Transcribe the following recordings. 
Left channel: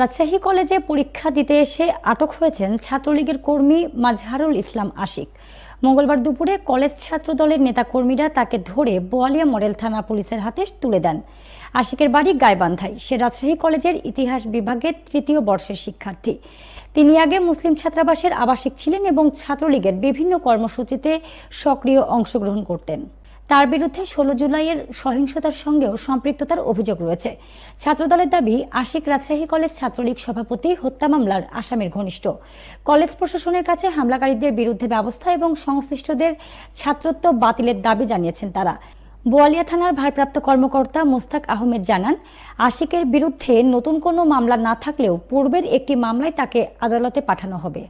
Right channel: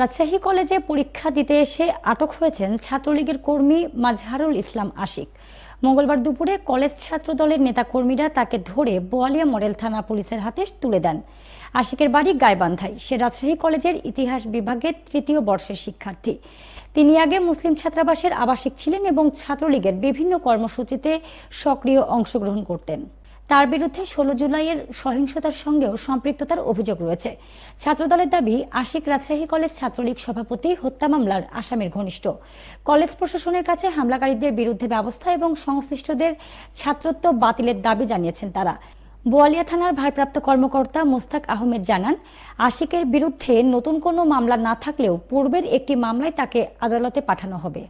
রাজশাহী কলেজে পরীক্ষা দিতে এসে আটক হয়েছেন ছাত্রলীগের কর্মী মাজহারুল ইসলাম আশিক। মঙ্গলবার দুপুরে কলেজ ছাত্রদলের নেতাকর্মীরা তাকে ধরে বোয়ালিয়া মডেল থানা পুলিশের হাতে তুলে দেন। আশিকের বাড়ি গাইবান্ধায়। সে রাজশাহী কলেজের ইতিহাস বিভাগের তৃতীয় বর্ষের শিক্ষার্থী। তিনি আগে মুসলিম ছাত্রাবাসের আবাসিক ছিলেন এবং ছাত্রলীগের বিভিন্ন কর্মসূচিতে সক্রিয় অংশগ্রহণ করতেন। তার বিরুদ্ধে 16 জুলাইয়ের সহিংসতার সঙ্গেও সম্পৃক্ততার অভিযোগ রয়েছে। ছাত্রদলের দাবি, আশিক রাজশাহী কলেজ ছাত্রলীগ সভাপতি হত্যা মামলার আসামির ঘনিষ্ঠ। কলেজ প্রশাসনের কাছে হামলাকারীদের বিরুদ্ধে ব্যবস্থা এবং সংশ্লিষ্টদের ছাত্রত্ব বাতিলের দাবি জানিয়েছেন তারা। বোয়ালিয়া থানার ভারপ্রাপ্ত কর্মকর্তা মোস্তাক আহমেদ জানান, আশিকের বিরুদ্ধে নতুন কোনো মামলা না থাকলেও পূর্বের একটি মামলায় তাকে আদালতে পাঠানো হবে।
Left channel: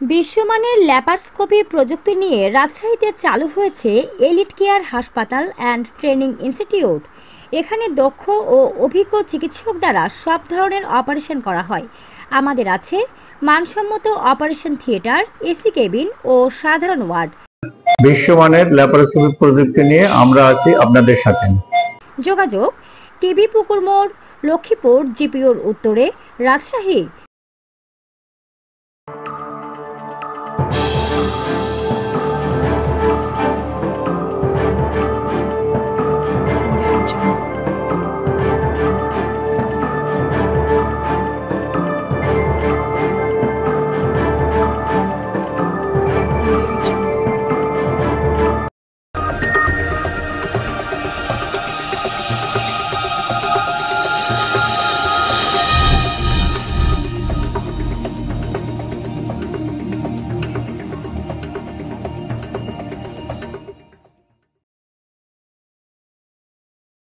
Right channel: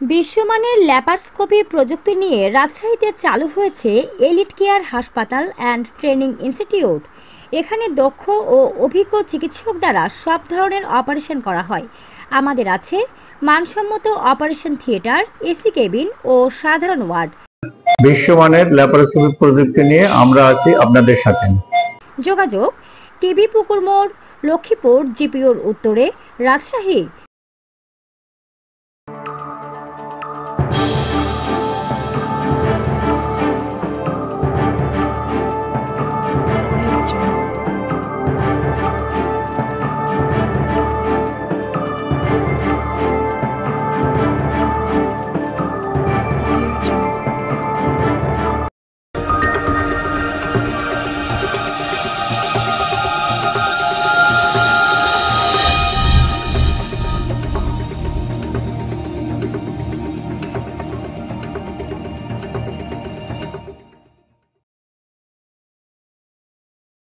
বিশ্বমানের ল্যাপারস্কোপি প্রযুক্তি নিয়ে রাজশাহীতে চালু হয়েছে এলিট কেয়ার হাসপাতাল অ্যান্ড ট্রেনিং ইনস্টিটিউট। এখানে দক্ষ ও অভিজ্ঞ চিকিৎসক দ্বারা সব ধরনের অপারেশন করা হয়। আমাদের আছে মানসম্মত অপারেশন থিয়েটার, এসি কেবিন ও সাধারণ ওয়ার্ড। বিশ্বমানের ল্যাপারস্কোপি প্রযুক্তি নিয়ে আমরা আছি আপনাদের সাথে। যোগাযোগ টিবি পুকুর মোড়, লক্ষ্মীপুর জিপিওর উত্তরে, রাজশাহী।